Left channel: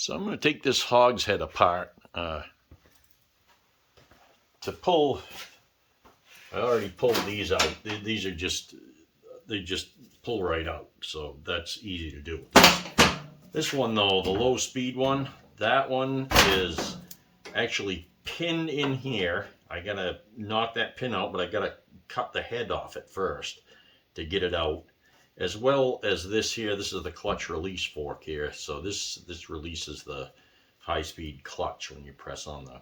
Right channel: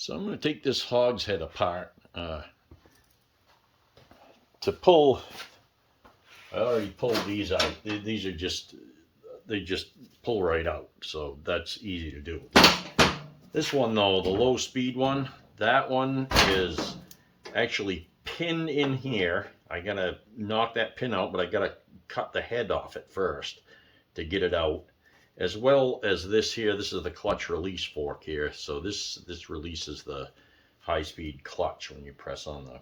So I'm going to take this Hogs head apart to pull. I already pulled these out. These are just, they just pull right out. So that's easy to do. This one though, the low speed one, that one is actually pinned in here. I gotta knock that pin out, but I gotta cut the head off it first to get it out. As well as this here, this is the clutch release fork here. So this releases the high speed clutch when you press on the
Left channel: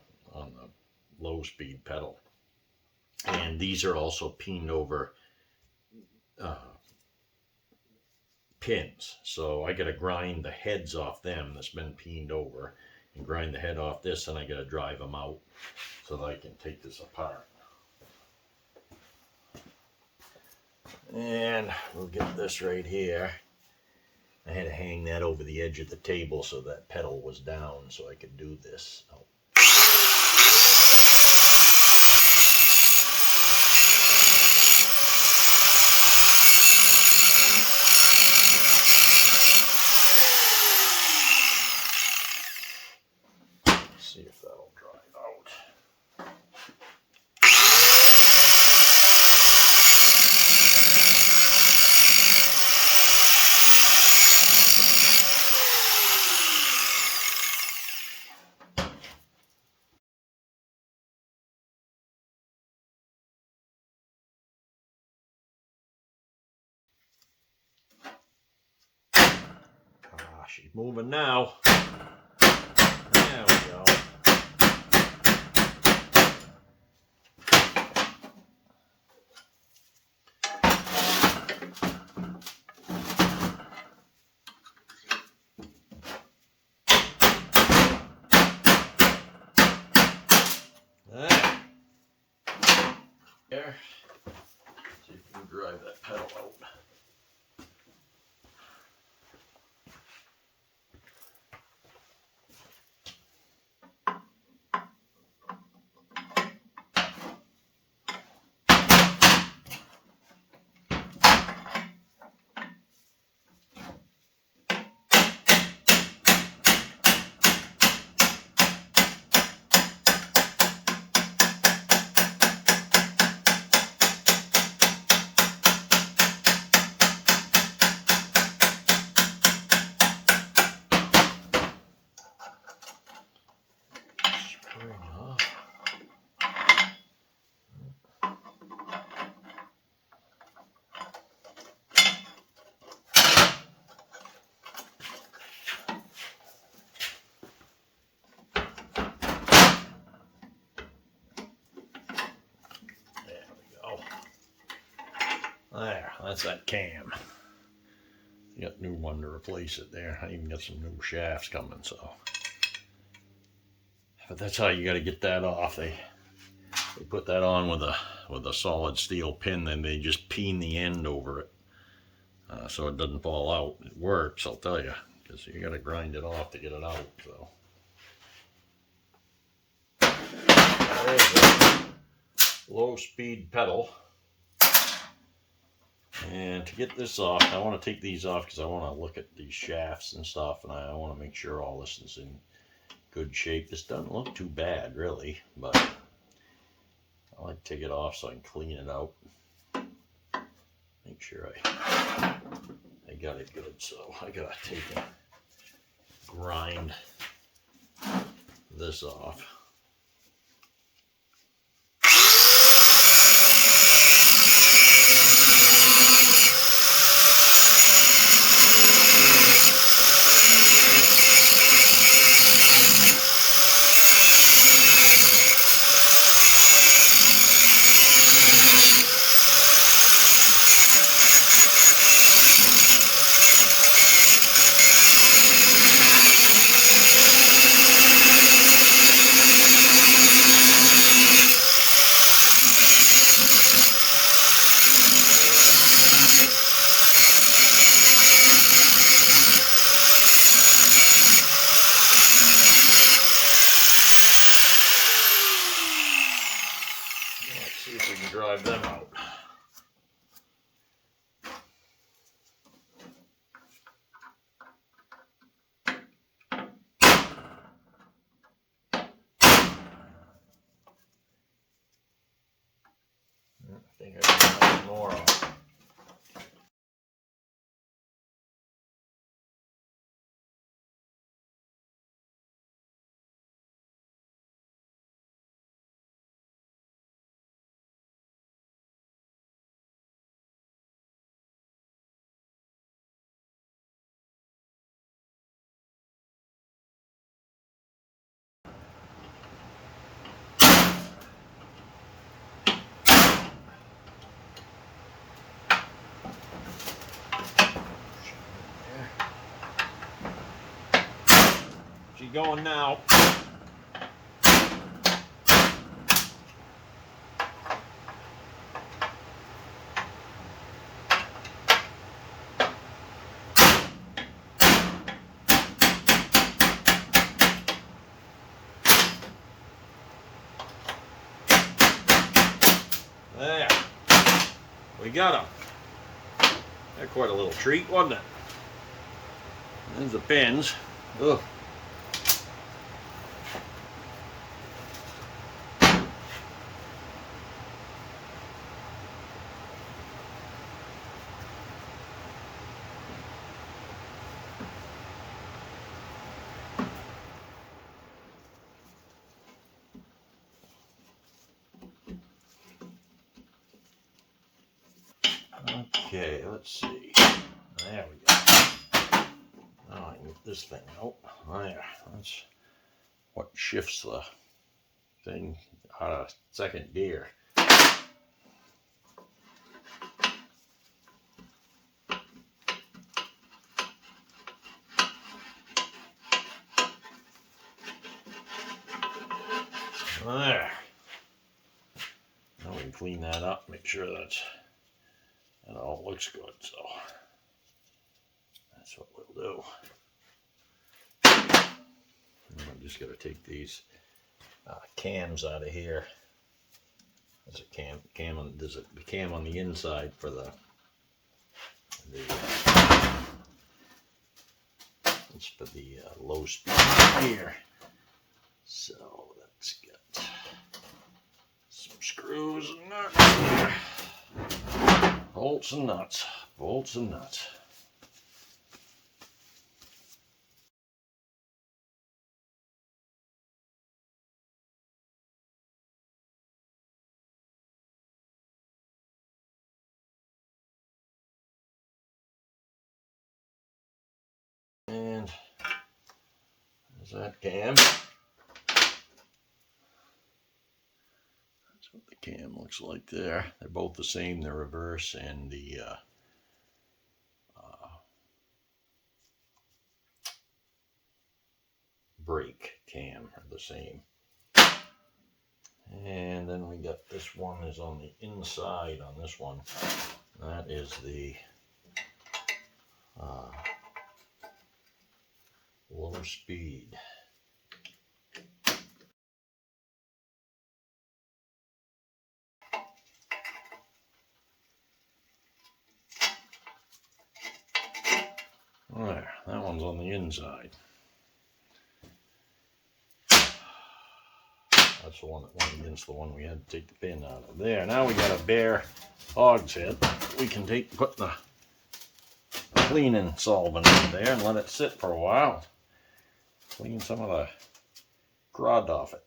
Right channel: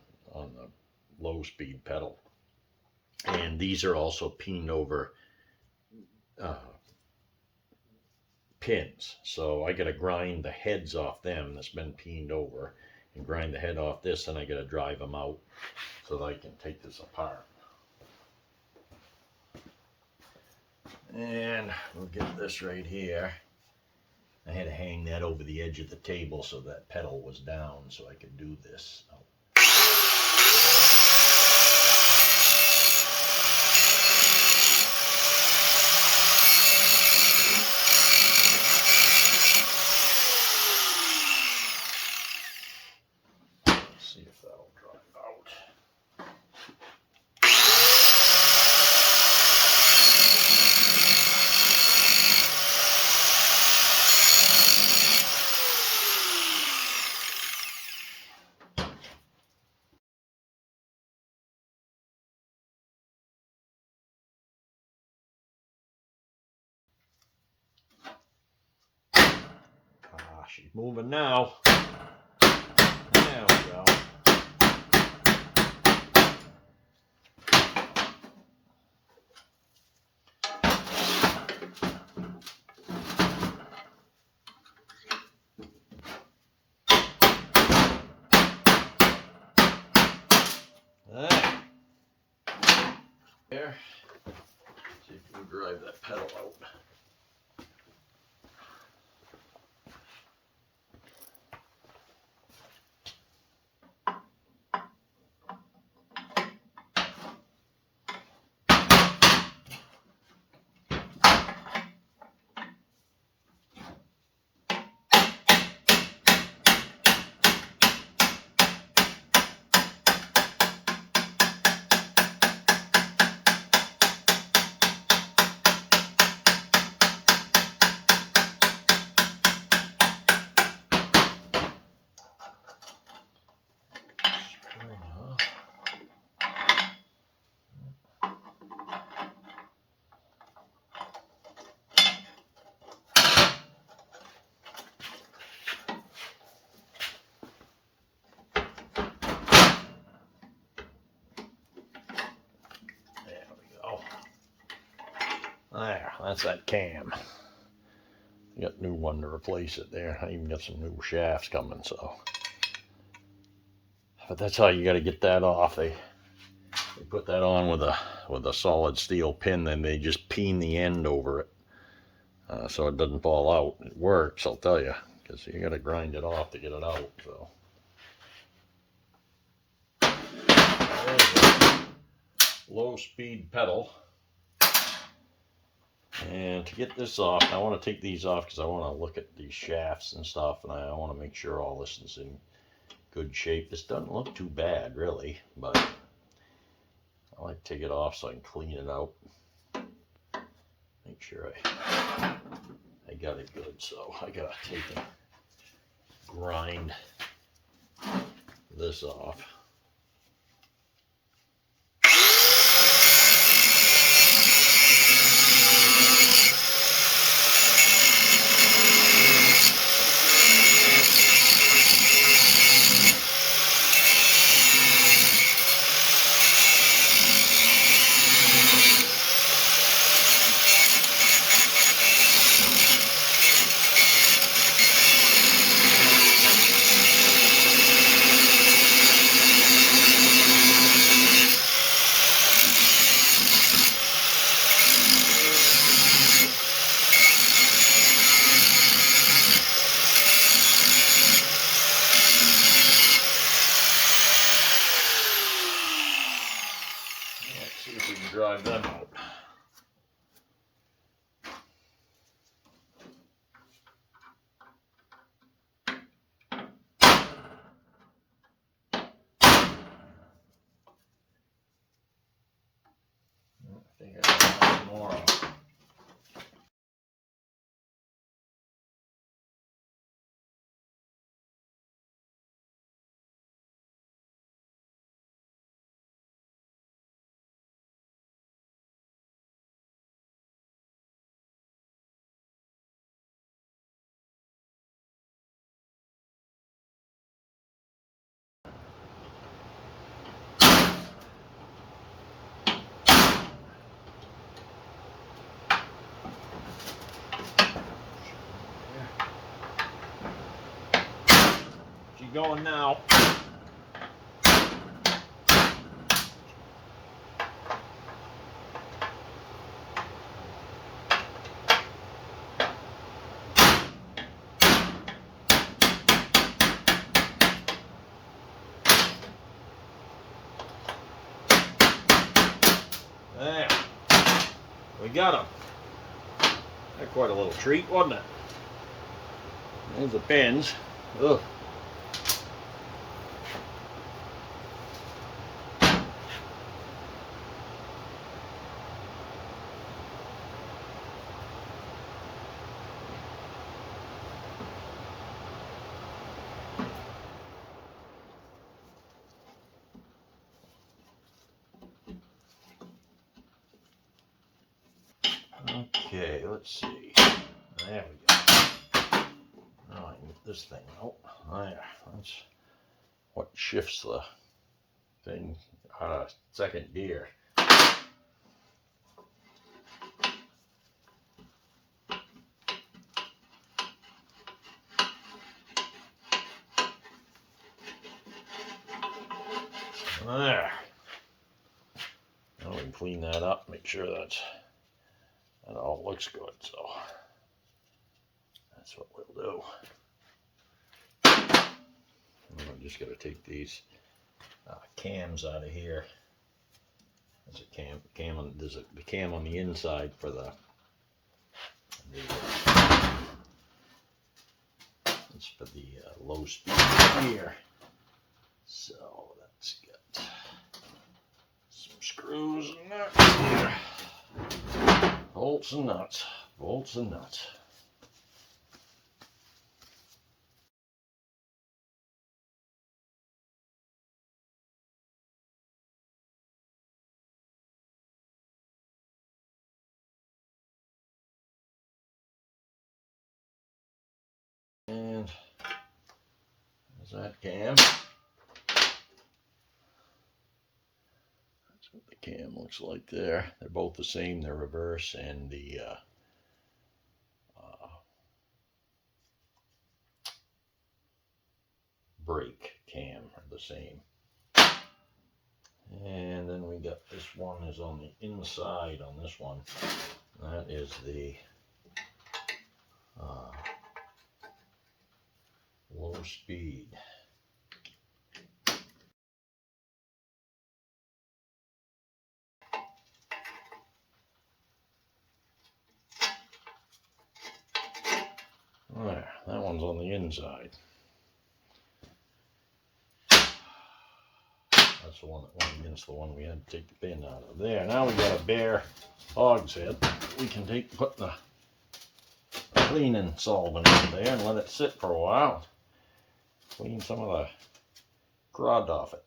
low speed pedal. And these are also pinned over pins. So I gotta grind the heads off them that's been pinned over and grind the head off this, and I gotta drive them out so that I can take this apart. And we'll get this right here. I had to hang that over the edge of the table so that pedal was down so I could do this. See if that'll drive out. She's moving now. There we go. There. See if we can drive that pedal out. There, that's that cam. Got a new one to replace it there. I even got some new shafts coming, so. But that's how you got to get that off. They put that on with a solid steel pin, then they just pin the end over it so it doesn't fall out. It works, I'll tell you, because you got to grind it off to get it out. So there's a low speed pedal. And to get this off, I want to take these off because I want to look at these shafts and stuff, and I want to make sure all this is in good shape. This doesn't look too bad, really, but I like to take it off so I can clean it out. Make sure I got it good, so I gotta take and grind this off. See if we can drive them out. think I can get more off. She's going now. There. We got them. They're quite a little treat, wasn't it? There's the pins. Ugh. Okay, let's see. There we go. Now I can get this thing out. There. That's what shifts the thing out of second gear. There. Now we can clean that up, make sure that all looks good. So that's what we'll do. I'm just going to take these cams out of here. There's a cam on. There's the cam on the inside for the it's for the low speed gear. So that's got some screws and nuts here. Bolts and nuts. Bolts and nuts. And there's that cam. That's what the cam looks like there. They're both the same, the reverse and the brake cam are the same. And then we got this one is on the inside on this one. That is the low speed. There, that one's on the inside. That's the one that went against the one we had to take the pin out of. There, now we got a bare Hogs head. We can put the cleaning solvent in there and let it sit for a while. Clean some of the crud off it.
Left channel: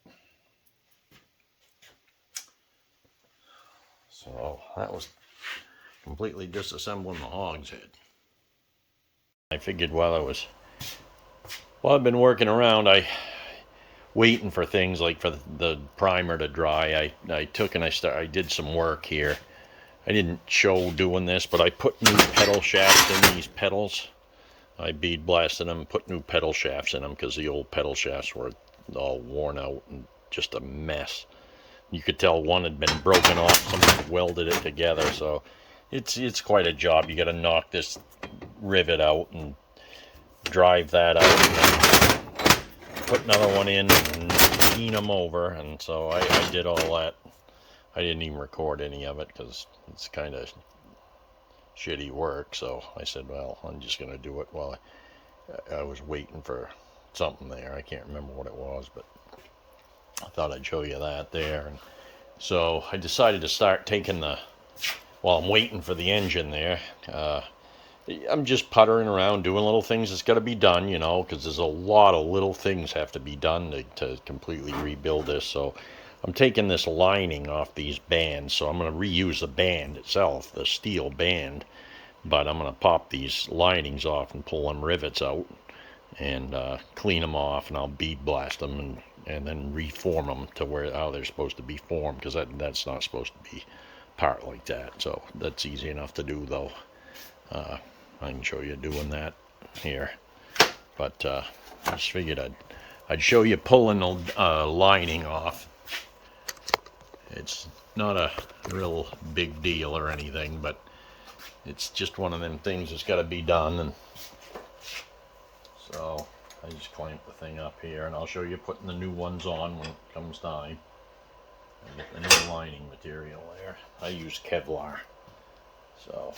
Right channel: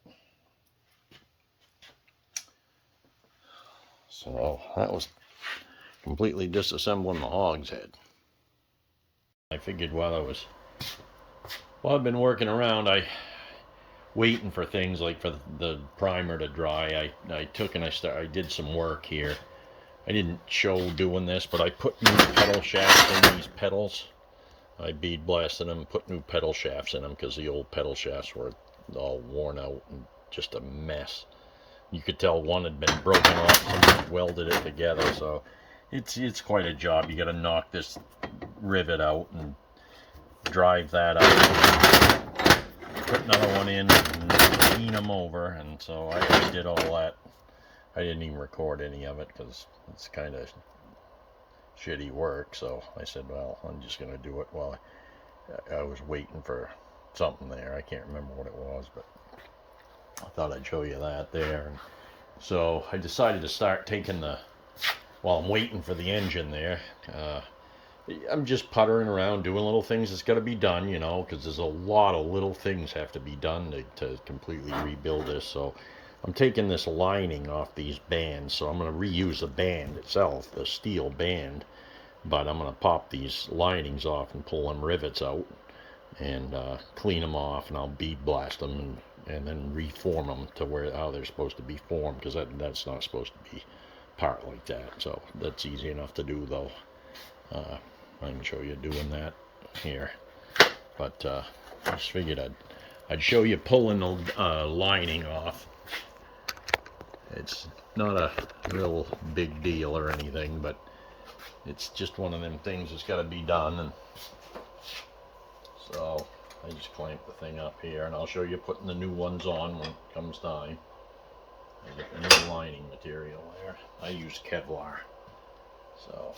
So that was completely disassembling the Hogs head. I figured while I've been working around, waiting for things like for the primer to dry, I took and I did some work here. I didn't show doing this, but I put new pedal shafts in these pedals. I bead blasted them, put new pedal shafts in them because the old pedal shafts were all worn out and just a mess. You could tell one had been broken off, someone welded it together, so it's quite a job. You got to knock this rivet out and drive that out and put another one in and clean them over. And so I did all that. I didn't even record any of it because it's kind of shitty work. So I said, well, I'm just going to do it while I was waiting for something there. I can't remember what it was, but I thought I'd show you that there. And so I decided to start taking the while I'm waiting for the engine there, I'm just puttering around doing little things that's got to be done, you know, because there's a lot of little things have to be done to completely rebuild this. So I'm taking this lining off these bands, so I'm going to reuse the band itself, the steel band, but I'm going to pop these linings off and pull them rivets out and clean them off, and I'll bead blast them and then reform them to how they're supposed to be formed, because that's not supposed to be part like that. So that's easy enough to do, though. I can show you doing that here, but I just figured I'd show you pulling the lining off. It's not a real big deal or anything, but it's just one of them things that's got to be done. And so I just clamp the thing up here, and I'll show you putting the new ones on when it comes time. I get the new lining material there. I use Kevlar, so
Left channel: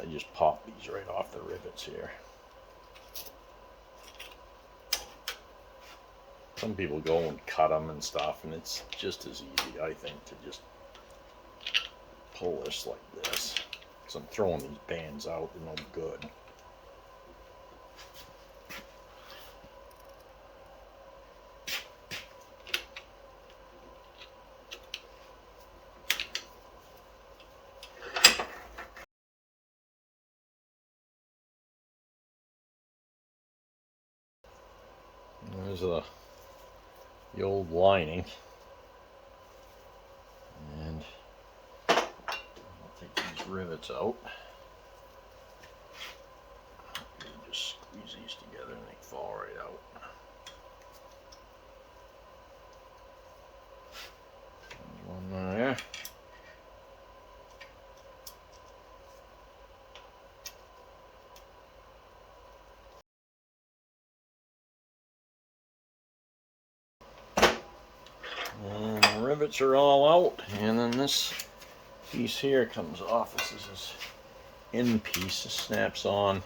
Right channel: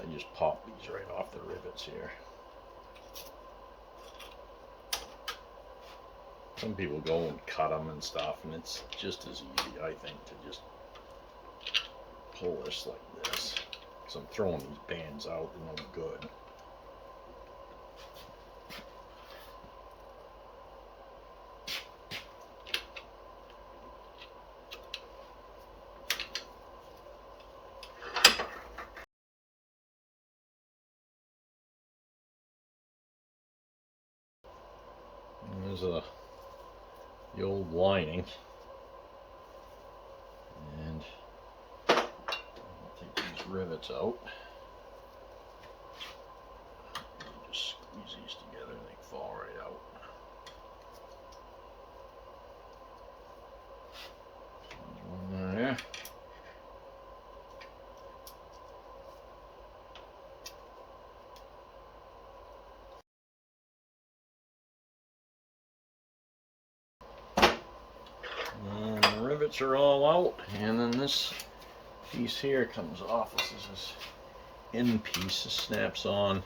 I just pop these right off the rivets here. Some people go and cut them and stuff, and it's just as easy, I think, to just pull this like this. So I'm throwing these bands out, they're no good. There's the old lining, and I'll take these rivets out. Just squeeze these together and they fall right out. One there. And the rivets are all out, and then this piece here comes off. This is this end piece. This snaps on.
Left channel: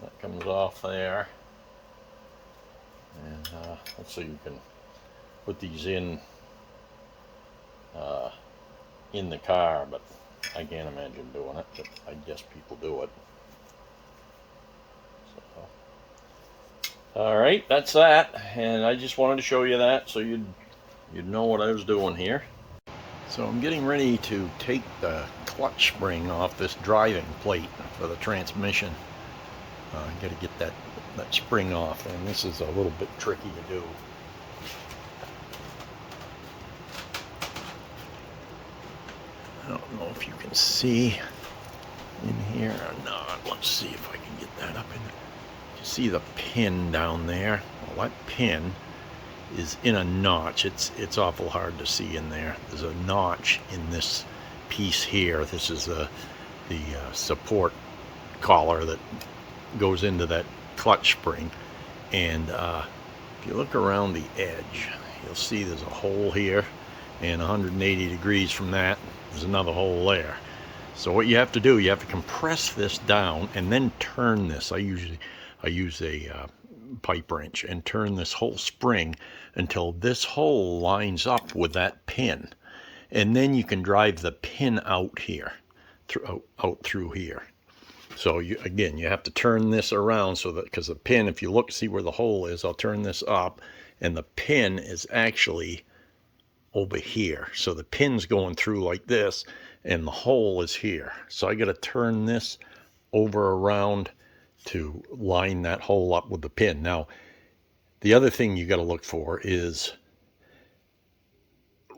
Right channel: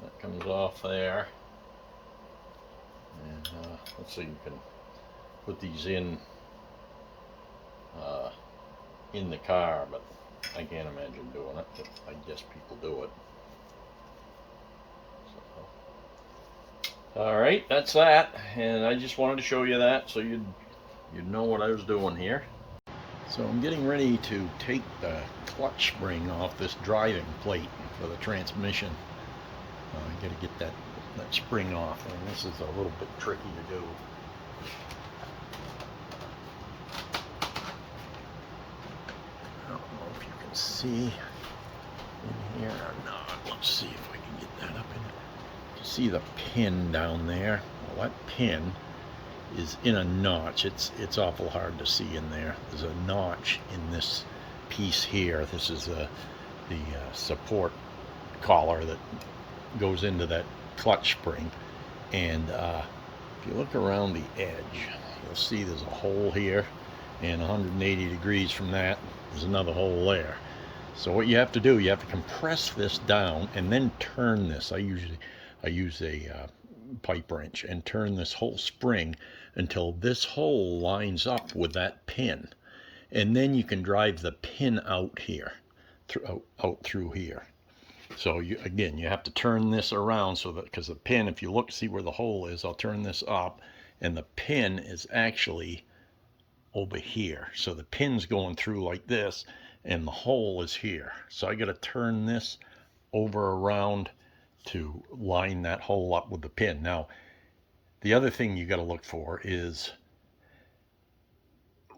That comes off there, and let's see, you can put these in the car, but I can't imagine doing it, but I guess people do it. So, all right, that's that, and I just wanted to show you that so you'd know what I was doing here. So I'm getting ready to take the clutch spring off this driving plate for the transmission. I got to get that spring off, and this is a little bit tricky to do. I don't know if you can see in here or not. Let's see if I can get that up in there. You see the pin down there? Well, that pin is in a notch. It's awful hard to see in there. There's a notch in this piece here. This is the support collar that goes into that clutch spring, and if you look around the edge, you'll see there's a hole here, and 180 degrees from that there's another hole there. So what you have to do, you have to compress this down and then turn this. I use a pipe wrench and turn this whole spring until this hole lines up with that pin, and then you can drive the pin out here, out through here. So you have to turn this around so that, because the pin, if you look, see where the hole is, I'll turn this up, and the pin is actually over here. So the pin's going through like this, and the hole is here. So I got to turn this over around to line that hole up with the pin. Now, the other thing you got to look for is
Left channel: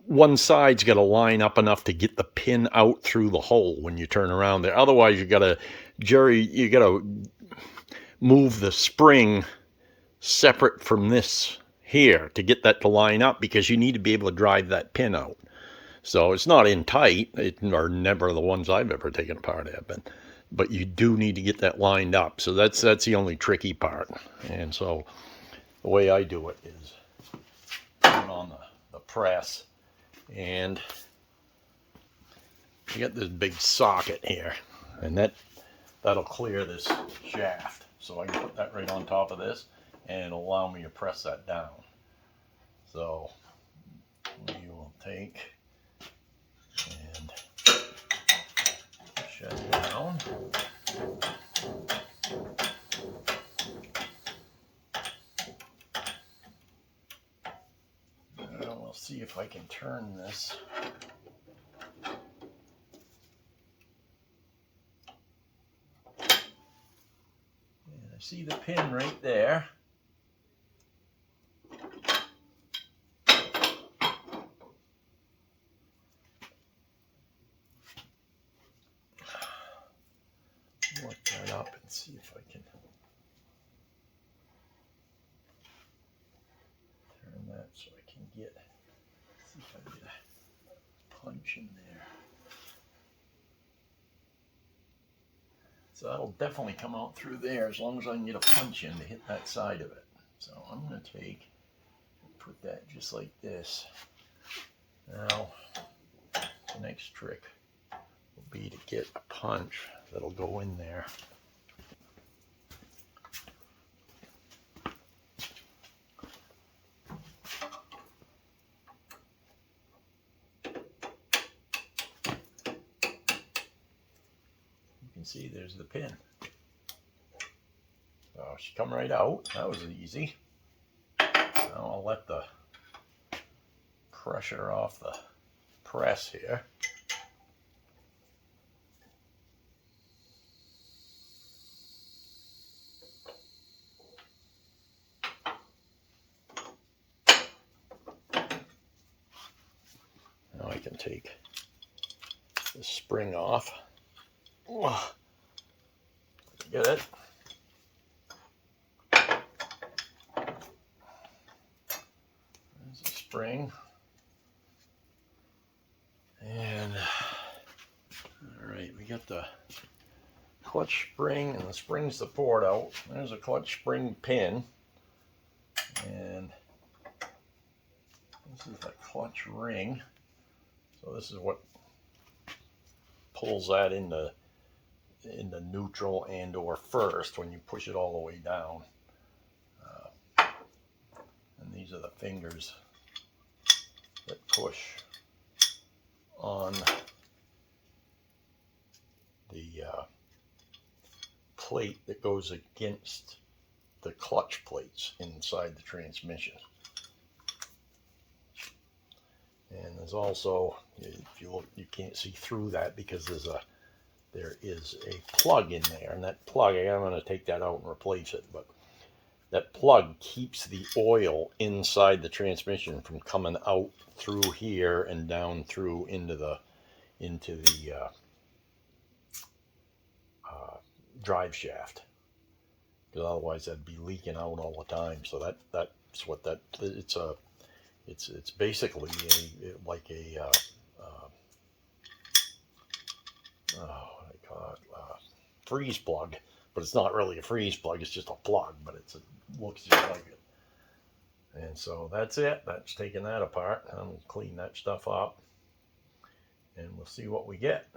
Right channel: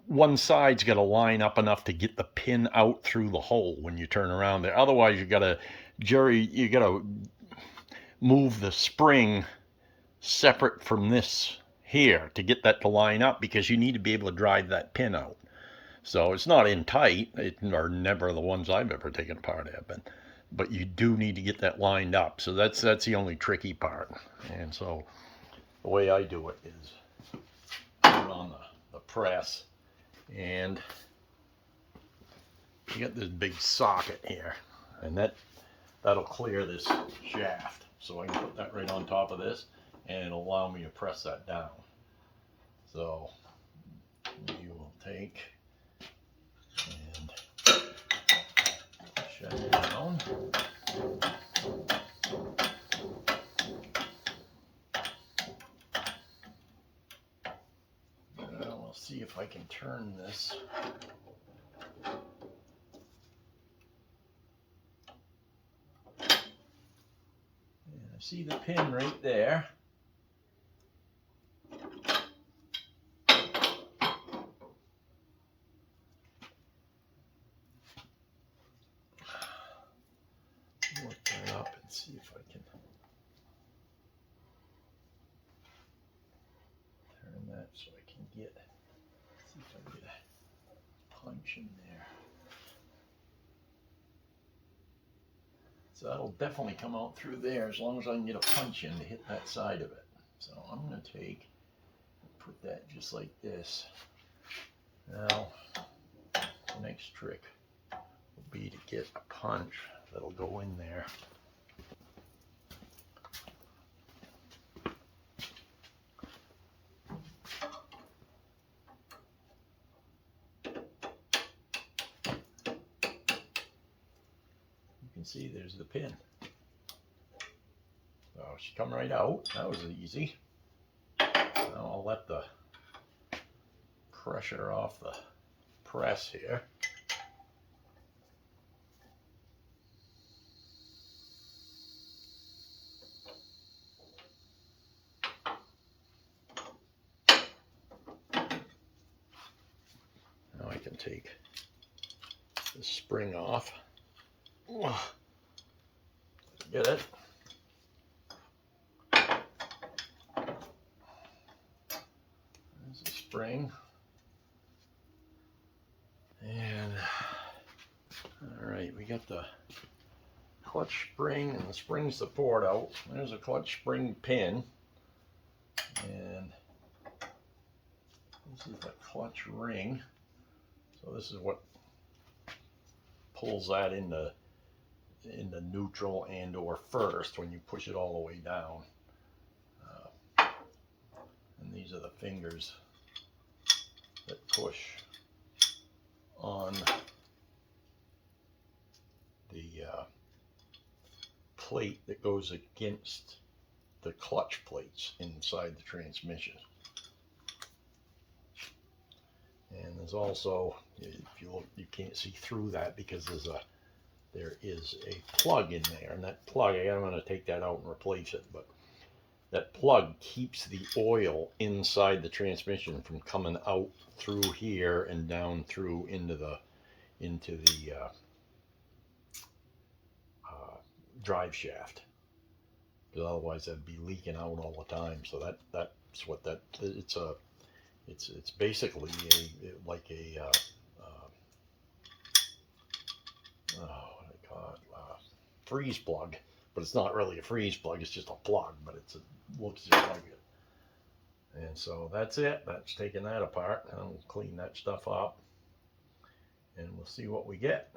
one side's got to line up enough to get the pin out through the hole when you turn around there. Otherwise, you got to move the spring separate from this here to get that to line up, because you need to be able to drive that pin out. So it's not in tight, or never the ones I've ever taken apart have been, but you do need to get that lined up. So that's the only tricky part. And so the way I do it is put it on the press, and you got this big socket here. and that'll clear this shaft. So I can put that right on top of this and allow me to press that down. So we will take and shut it down. We'll see if I can turn this. And I see the pin right there. Look that up and see if I can turn that so I can get, see if I can get a punch in there. So that'll definitely come out through there as long as I can get a punch in to hit that side of it. So I'm going to take and put that just like this. Now the next trick will be to get a punch that'll go in there. You can see there's the pin. So she come right out. That was easy. Now I'll let the pressure off the press here. Now I can take the spring off. Get it? There's a spring. And alright, we got the clutch spring and the spring support out. There's a clutch spring pin. And this is the clutch ring. So this is what pulls that into neutral and or first when you push it all the way down. And these are the fingers that push on the plate that goes against the clutch plates inside the transmission. And there's also, if you look, you can't see through that because there is a plug in there, and that plug, I'm going to take that out and replace it, but that plug keeps the oil inside the transmission from coming out through here and down through into the drive shaft, because otherwise that'd be leaking out all the time. So that's what that, it's basically like a freeze plug, but it's not really a freeze plug, it's just a plug, but looks just like it. And so that's it. That's taking that apart. I'll clean that stuff up and we'll see what we get.